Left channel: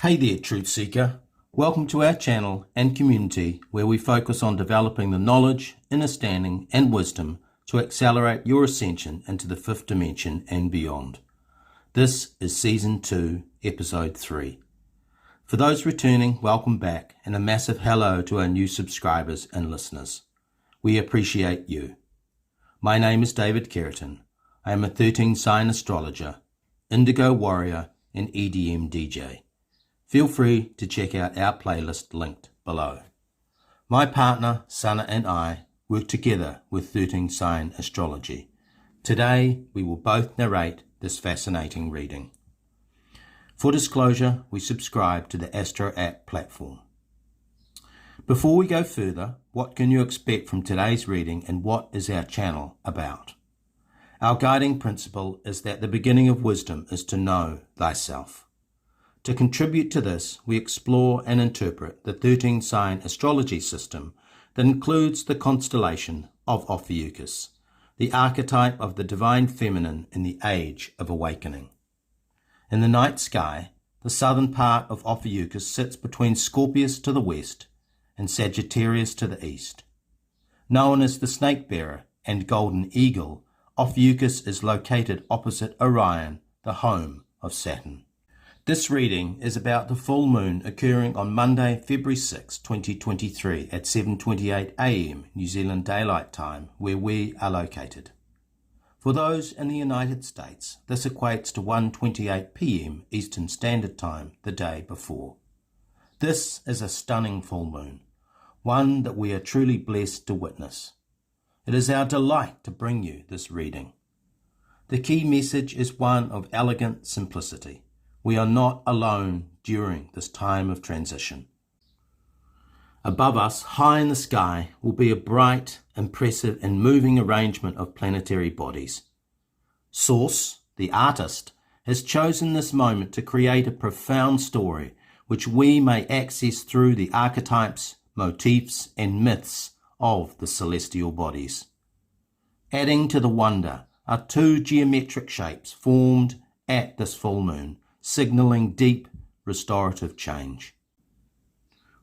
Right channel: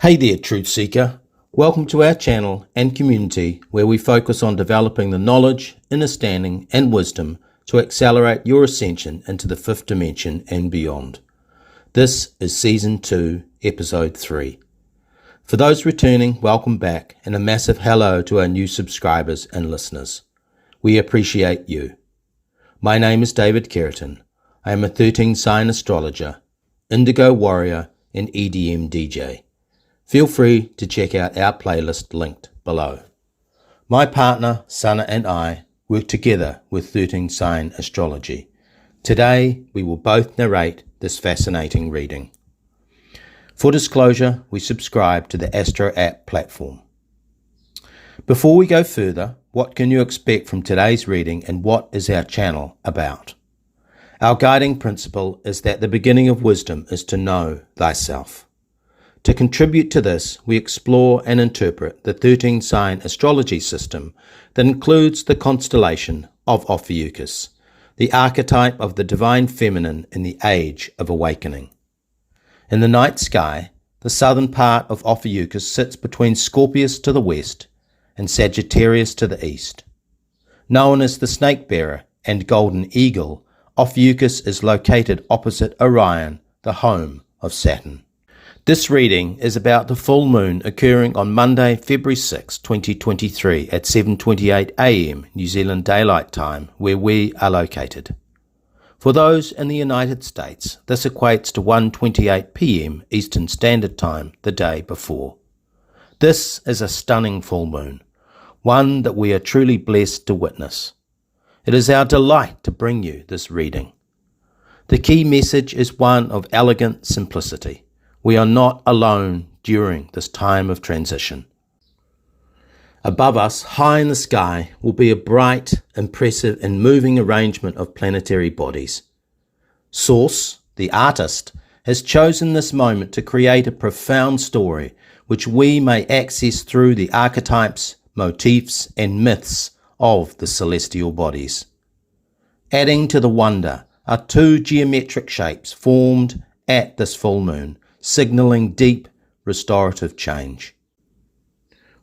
Hey there, Truth Seeker. Welcome to our channel and community where we focus on developing the knowledge, understanding, and wisdom to accelerate your ascension into the fifth dimension and beyond. This is Season 2, Episode 3. For those returning, welcome back, and a massive hello to our new subscribers and listeners. We appreciate you. My name is David Keratin. I am a 13-sign astrologer, indigo warrior, and EDM DJ. Feel free to check out our playlist linked below. My partner, Sana, and I work together with 13-sign astrology. Today, we will both narrate this fascinating reading. For disclosure, we subscribe to the Astro app platform. Before we go further, what can you expect from today's reading and what is our channel about? Our guiding principle is that the beginning of wisdom is to know thyself. To contribute to this, we explore and interpret the 13-sign astrology system that includes the constellation of Ophiuchus, the archetype of the divine feminine in the age of awakening. In the night sky, the southern part of Ophiuchus sits between Scorpius to the west and Sagittarius to the east. Known as the snake bearer and golden eagle, Ophiuchus is located opposite Orion, the home of Saturn. This reading is about the full moon occurring on Monday, February 6, 2023 at 7:28 a.m. New Zealand Daylight Time, where we are located. For those in the United States, this equates to 1:28 p.m. Eastern Standard Time the day before. This is a stunning full moon, one that we are truly blessed to witness. It is our delight to bring you this reading. The key message is one of elegant simplicity. We are not alone during this time of transition. Above us, high in the sky, will be a bright, impressive, and moving arrangement of planetary bodies. Source, the artist, has chosen this moment to create a profound story which we may access through the archetypes, motifs, and myths of the celestial bodies. Adding to the wonder are two geometric shapes formed at this full moon, signalling deep restorative change.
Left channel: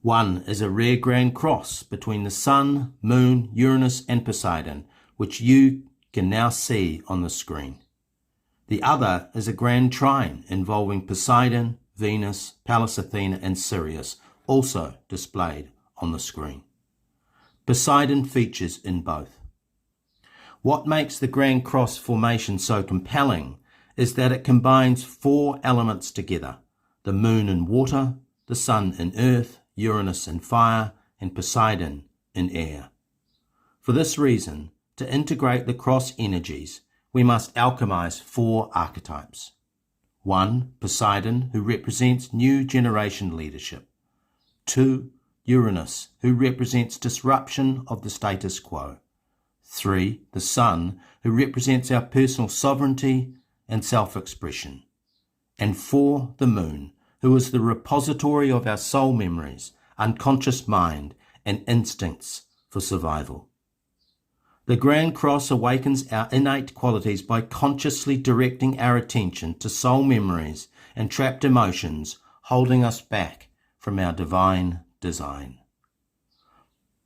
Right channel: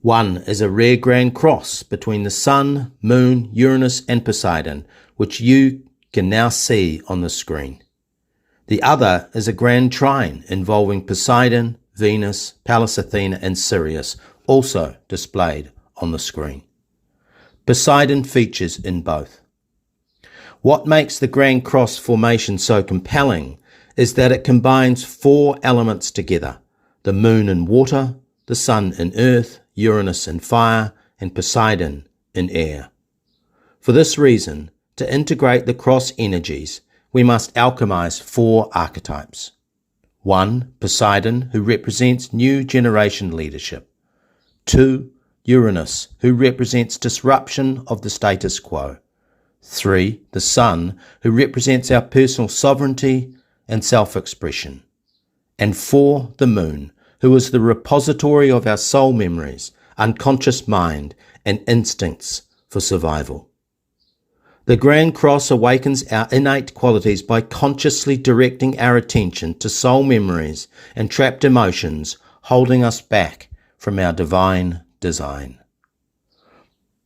One is a rare grand cross between the Sun, Moon, Uranus, and Poseidon, which you can now see on the screen. The other is a grand trine involving Poseidon, Venus, Pallas Athena, and Sirius, also displayed on the screen. Poseidon features in both. What makes the Grand Cross formation so compelling is that it combines four elements together: the moon in water, the sun in earth, Uranus in fire, and Poseidon in air. For this reason, to integrate the cross energies, we must alchemize four archetypes. 1. Poseidon, who represents new generation leadership. 2. Uranus, who represents disruption of the status quo. 3. The sun, who represents our personal sovereignty and self-expression. And 4. The moon, who is the repository of our soul memories, unconscious mind, and instincts for survival. The Grand Cross awakens our innate qualities by consciously directing our attention to soul memories and trapped emotions holding us back from our divine design.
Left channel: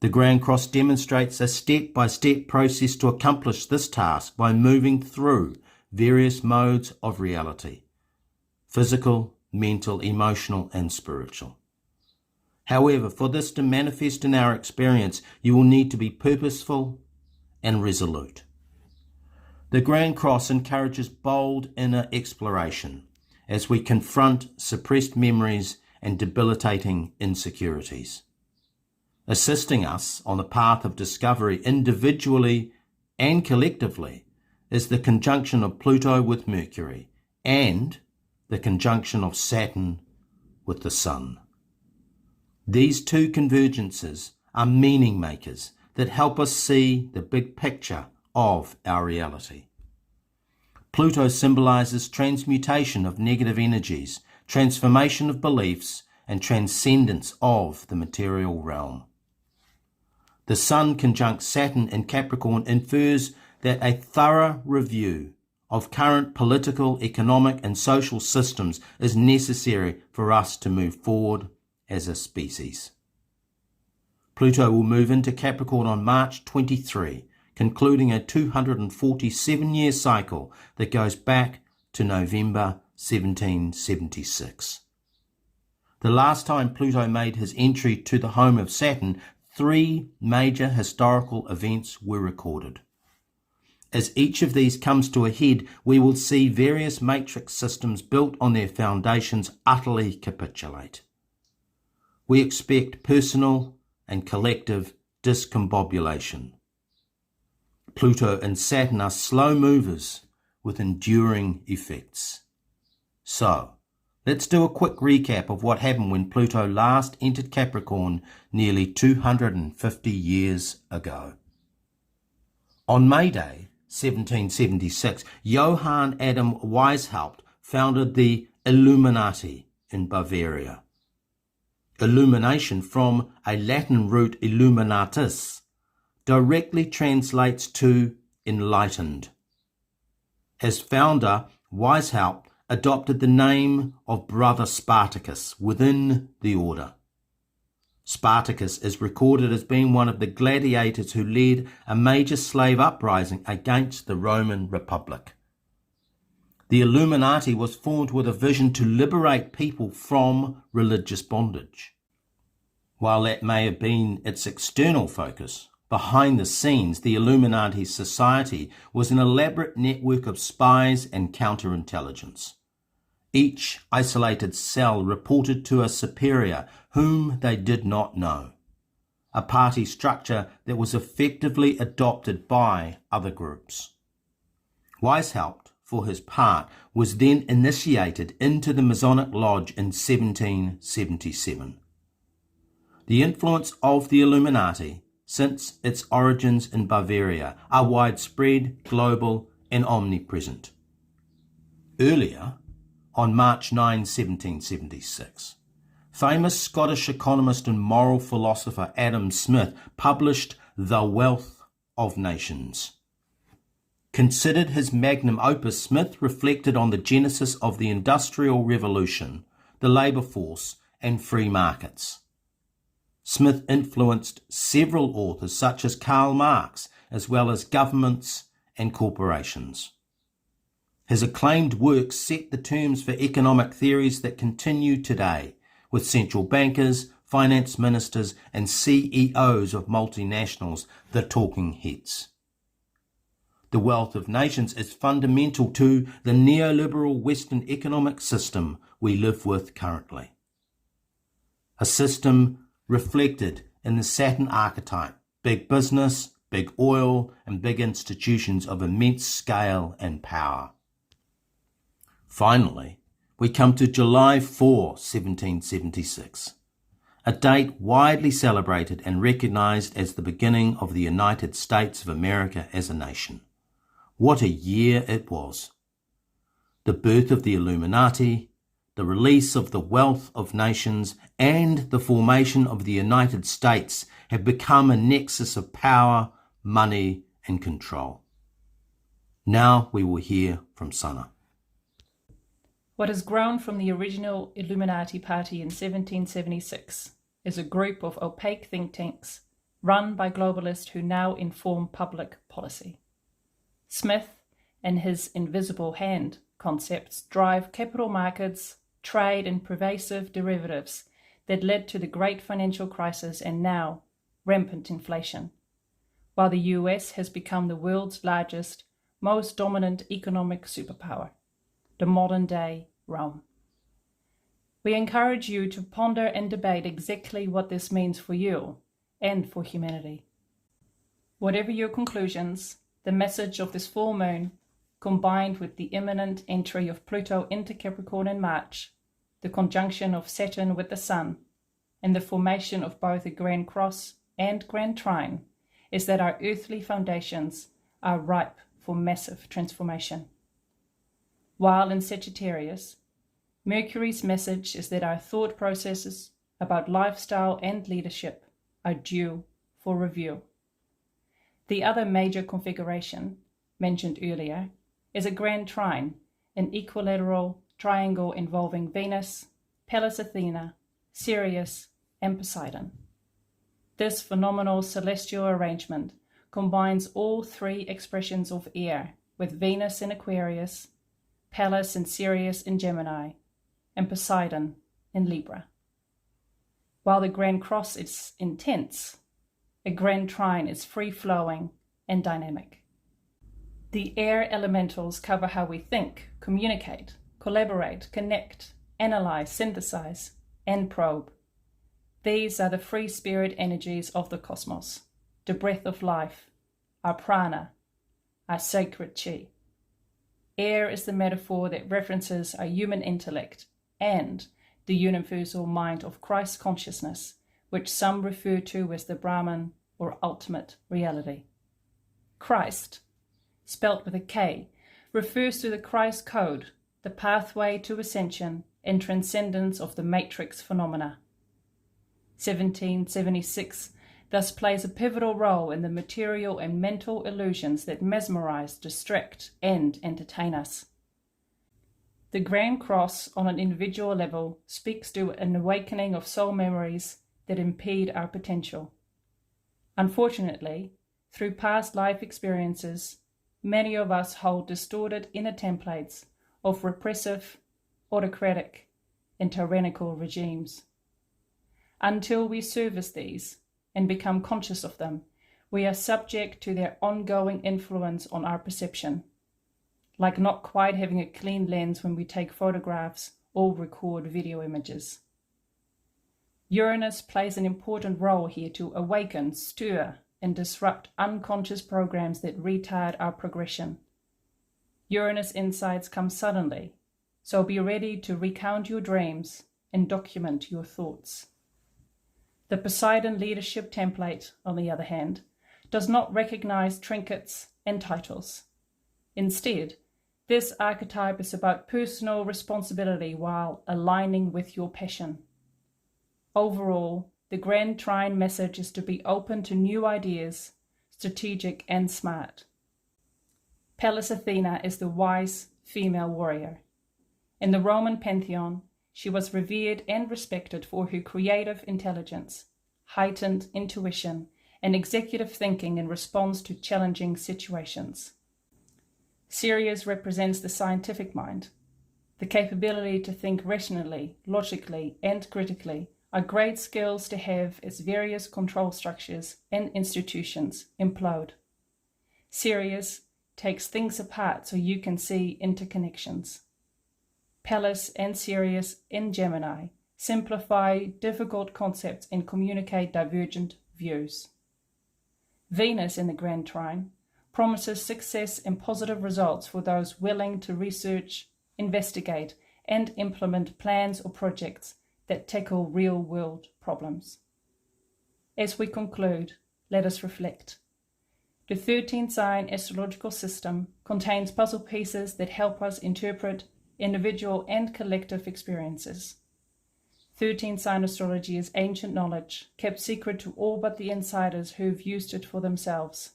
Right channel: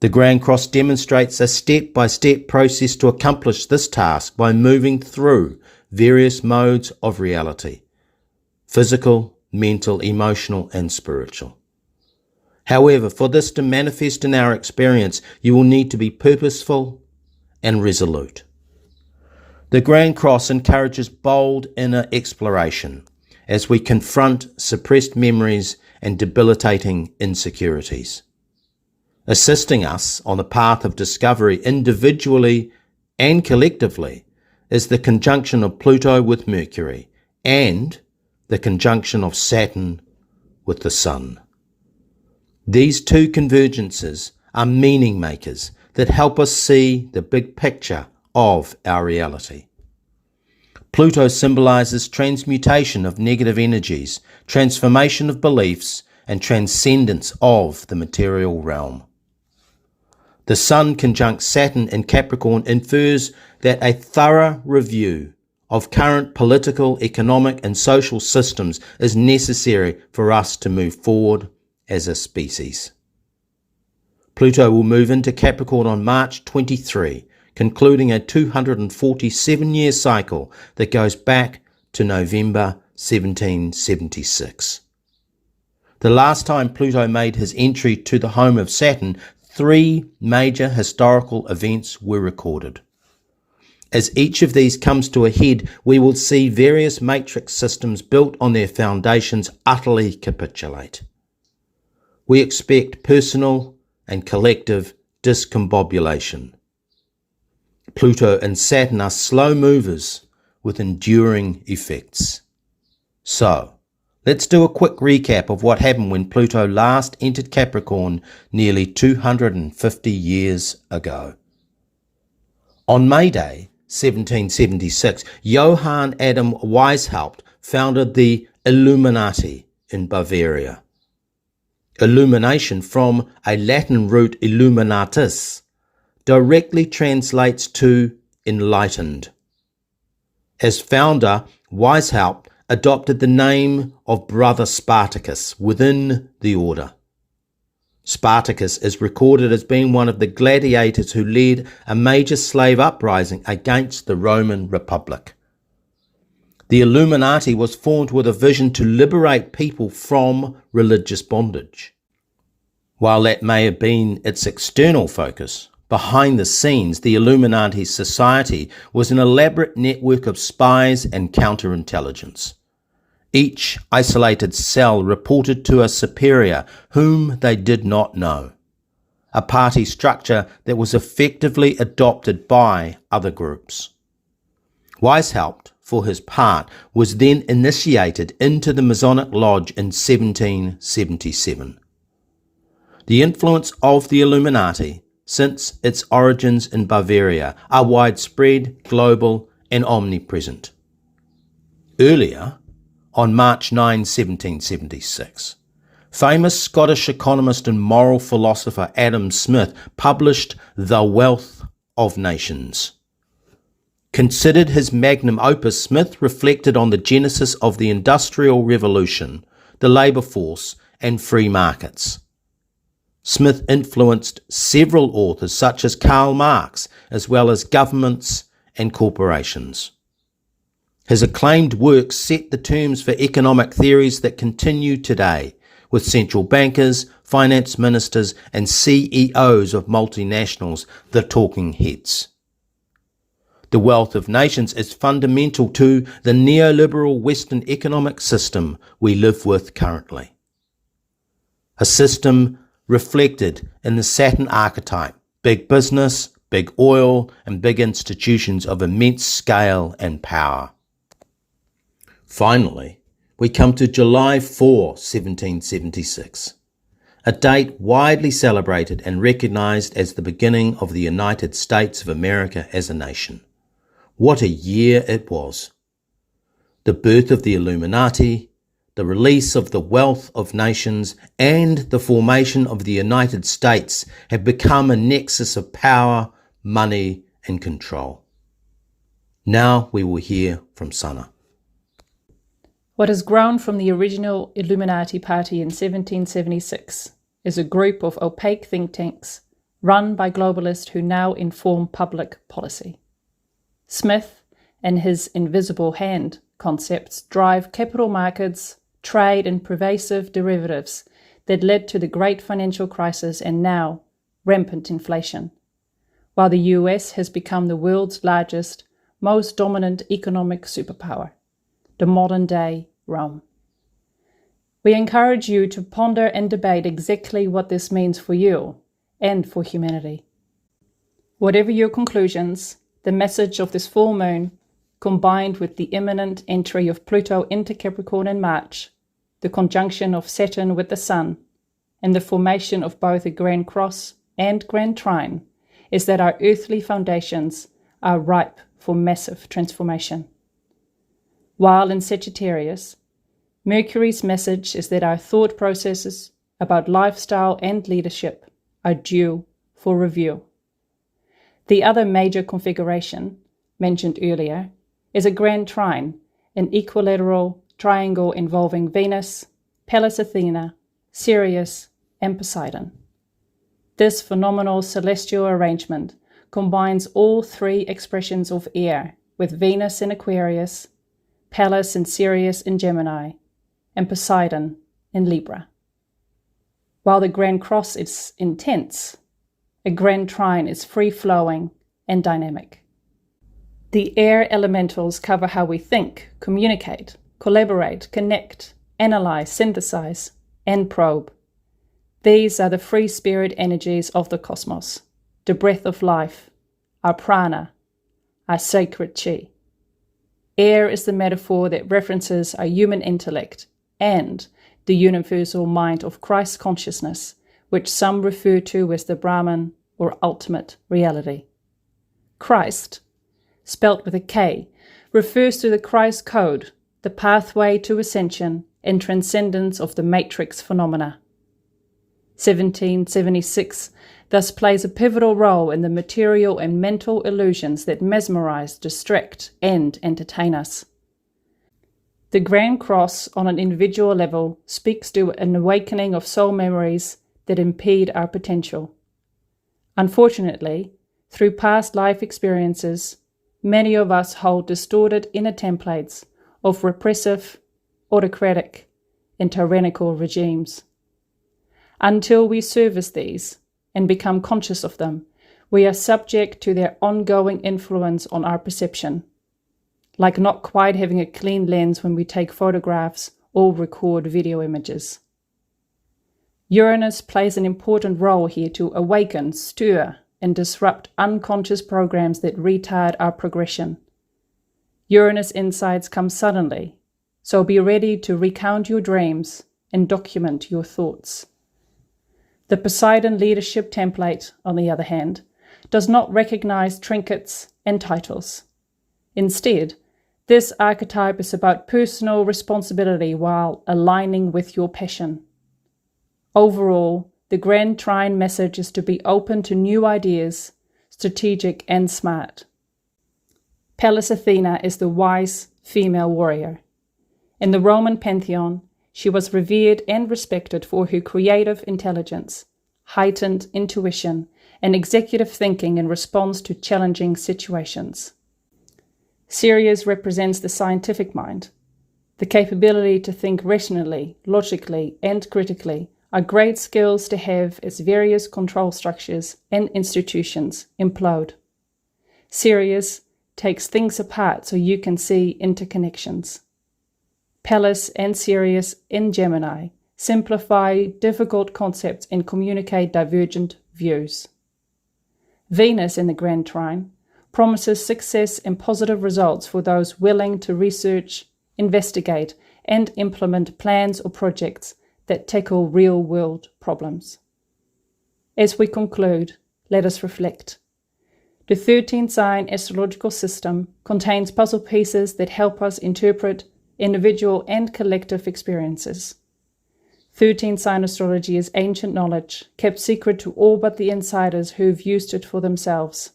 The Grand Cross demonstrates a step-by-step process to accomplish this task by moving through various modes of reality: physical, mental, emotional, and spiritual. However, for this to manifest in our experience, you will need to be purposeful and resolute. The Grand Cross encourages bold inner exploration as we confront suppressed memories and debilitating insecurities. Assisting us on the path of discovery individually and collectively is the conjunction of Pluto with Mercury and the conjunction of Saturn with the Sun. These two convergences are meaning makers that help us see the big picture of our reality. Pluto symbolizes transmutation of negative energies, transformation of beliefs, and transcendence of the material realm. The Sun conjunct Saturn in Capricorn infers that a thorough review of current political, economic and social systems is necessary for us to move forward as a species. Pluto will move into Capricorn on March 23, concluding a 247-year cycle that goes back to November 1776. The last time Pluto made his entry to the home of Saturn, 3 major historical events were recorded. As each of these comes to a head, we will see various matrix systems built on their foundations utterly capitulate. We expect personal and collective discombobulation. Pluto and Saturn are slow movers with enduring effects. So, let's do a quick recap of what happened when Pluto last entered Capricorn nearly 250 years ago. On May Day, 1776, Johann Adam Weishaupt founded the Illuminati in Bavaria. Illumination, from a Latin root illuminatus, directly translates to enlightened. As founder, Weishaupt adopted the name of Brother Spartacus within the order. Spartacus is recorded as being one of the gladiators who led a major slave uprising against the Roman Republic. The Illuminati was formed with a vision to liberate people from religious bondage. While that may have been its external focus, behind the scenes, the Illuminati society was an elaborate network of spies and counterintelligence. Each isolated cell reported to a superior whom they did not know, a party structure that was effectively adopted by other groups. Weishaupt, for his part, was then initiated into the Masonic Lodge in 1777. The influence of the Illuminati, since its origins in Bavaria, are widespread, global, and omnipresent. Earlier, on March 9, 1776, famous Scottish economist and moral philosopher Adam Smith published The Wealth of Nations. Considered his magnum opus, Smith reflected on the genesis of the Industrial Revolution, the labour force, and free markets. Smith influenced several authors such as Karl Marx, as well as governments and corporations. His acclaimed works set the terms for economic theories that continue today, with central bankers, finance ministers, and CEOs of multinationals the talking heads. The Wealth of Nations is fundamental to the neoliberal Western economic system we live with currently. A system reflected in the Saturn archetype: big business, big oil, and big institutions of immense scale and power. Finally, we come to July 4, 1776, a date widely celebrated and recognized as the beginning of the United States of America as a nation. What a year it was! The birth of the Illuminati, the release of the Wealth of Nations, and the formation of the United States have become a nexus of power, money, and control. Now we will hear from Sana. What has grown from the original Illuminati Party in 1776 is a group of opaque think tanks run by globalists who now inform public policy. Smith and his invisible hand concepts drive capital markets, trade, and pervasive derivatives that led to the great financial crisis and now rampant inflation, while the US has become the world's largest, most dominant economic superpower, the modern-day Rome. We encourage you to ponder and debate exactly what this means for you and for humanity. Whatever your conclusions, the message of this full moon, combined with the imminent entry of Pluto into Capricorn in March, the conjunction of Saturn with the Sun, and the formation of both a Grand Cross and Grand Trine, is that our earthly foundations are ripe for massive transformation. While in Sagittarius, Mercury's message is that our thought processes about lifestyle and leadership are due for review. The other major configuration, mentioned earlier, is a grand trine, an equilateral triangle involving Venus, Pallas Athena, Sirius, and Poseidon. This phenomenal celestial arrangement combines all three expressions of air, with Venus in Aquarius, Pallas and Sirius in Gemini, and Poseidon in Libra. While the Grand Cross is intense, a Grand Trine is free-flowing and dynamic. The air elementals cover how we think, communicate, collaborate, connect, analyze, synthesize, and probe. These are the free spirit energies of the cosmos, the breath of life, our prana, our sacred chi. Air is the metaphor that references our human intellect and the universal mind of Christ consciousness, which some refer to as the Brahman or ultimate reality. Kryst, spelt with a K, refers to the Christ code, the pathway to ascension and transcendence of the matrix phenomena. 1776 thus plays a pivotal role in the material and mental illusions that mesmerize, distract, and entertain us. The Grand Cross, on an individual level, speaks to an awakening of soul memories that impede our potential. Unfortunately, through past life experiences, many of us hold distorted inner templates of repressive, autocratic, and tyrannical regimes. Until we service these and become conscious of them, we are subject to their ongoing influence on our perception, like not quite having a clean lens when we take photographs or record video images. Uranus plays an important role here to awaken, stir, and disrupt unconscious programs that retard our progression. Uranus insights come suddenly, so be ready to recount your dreams and document your thoughts. The Poseidon leadership template, on the other hand, does not recognize trinkets and titles. Instead, this archetype is about personal responsibility while aligning with your passion. Overall, the Grand Trine message is to be open to new ideas, strategic and smart. Pallas Athena is the wise female warrior. In the Roman pantheon, she was revered and respected for her creative intelligence, heightened intuition, and executive thinking in response to challenging situations. Sirius represents the scientific mind. The capability to think rationally, logically, and critically are great skills to have as various control structures and institutions implode. Sirius takes things apart so you can see interconnections. Pallas and Sirius in Gemini simplify difficult concepts and communicate divergent views. Venus in the Grand Trine promises success and positive results for those willing to research, investigate, and implement plans or projects that tackle real-world problems. As we conclude, let us reflect. The 13-sign astrological system contains puzzle pieces that help us interpret individual and collective experiences. 13-sign astrology is ancient knowledge, kept secret to all but the insiders who've used it for themselves.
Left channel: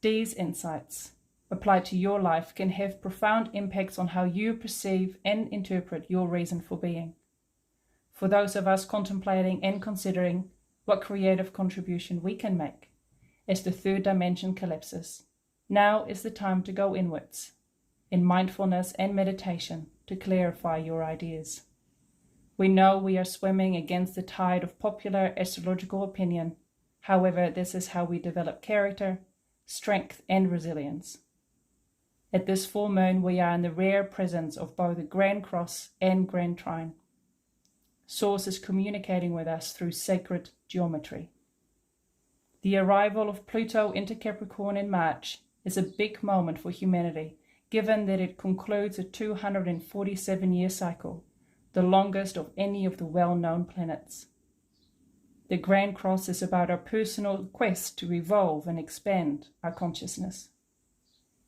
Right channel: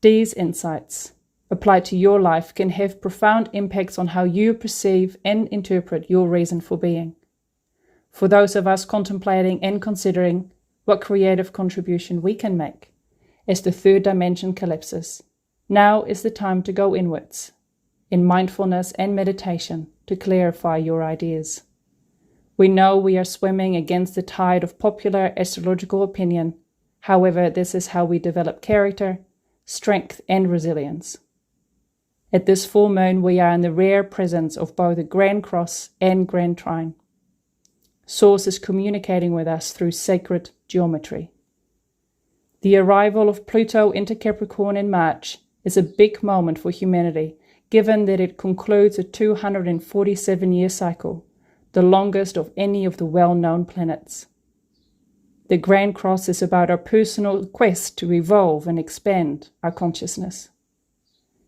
These insights, applied to your life, can have profound impacts on how you perceive and interpret your reason for being. For those of us contemplating and considering what creative contribution we can make as the third dimension collapses, now is the time to go inwards, in mindfulness and meditation, to clarify your ideas. We know we are swimming against the tide of popular astrological opinion. However, this is how we develop character, strength, and resilience. At this full moon, we are in the rare presence of both the Grand Cross and Grand Trine. Source is communicating with us through sacred geometry. The arrival of Pluto into Capricorn in March is a big moment for humanity, given that it concludes a 247-year cycle, the longest of any of the well-known planets. The Grand Cross is about our personal quest to evolve and expand our consciousness.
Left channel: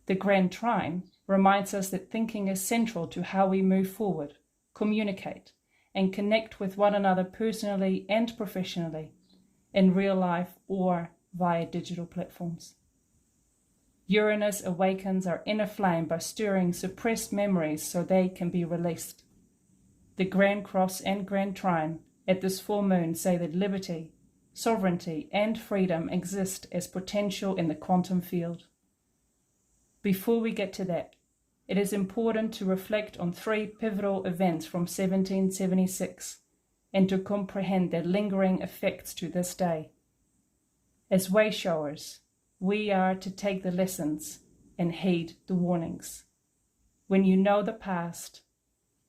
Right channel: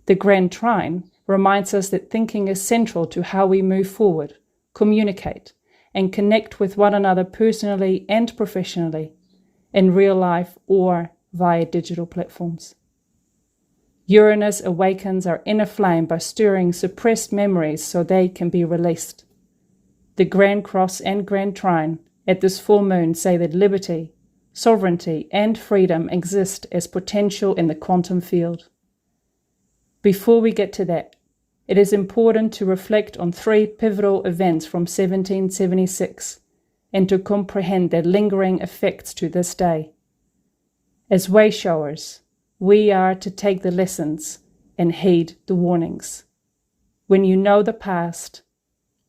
The Grand Trine reminds us that thinking is central to how we move forward, communicate, and connect with one another personally and professionally, in real life or via digital platforms. Uranus awakens our inner flame by stirring suppressed memories so they can be released. The Grand Cross and Grand Trine at this full moon say that liberty, sovereignty, and freedom exist as potential in the quantum field. Before we get to that, it is important to reflect on 3 pivotal events from 1776 and to comprehend their lingering effects to this day. As wayshowers, we are to take the lessons and heed the warnings. When you know the past,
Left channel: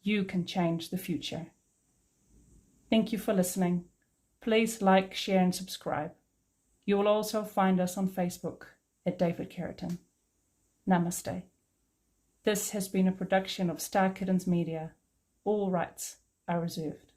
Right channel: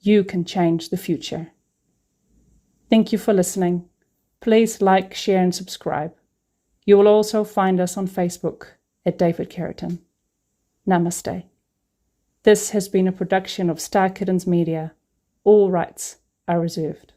you can change the future. Thank you for listening. Please like, share, and subscribe. You will also find us on Facebook at David Keratin. Namaste. This has been a production of Star Kittens Media. All rights are reserved.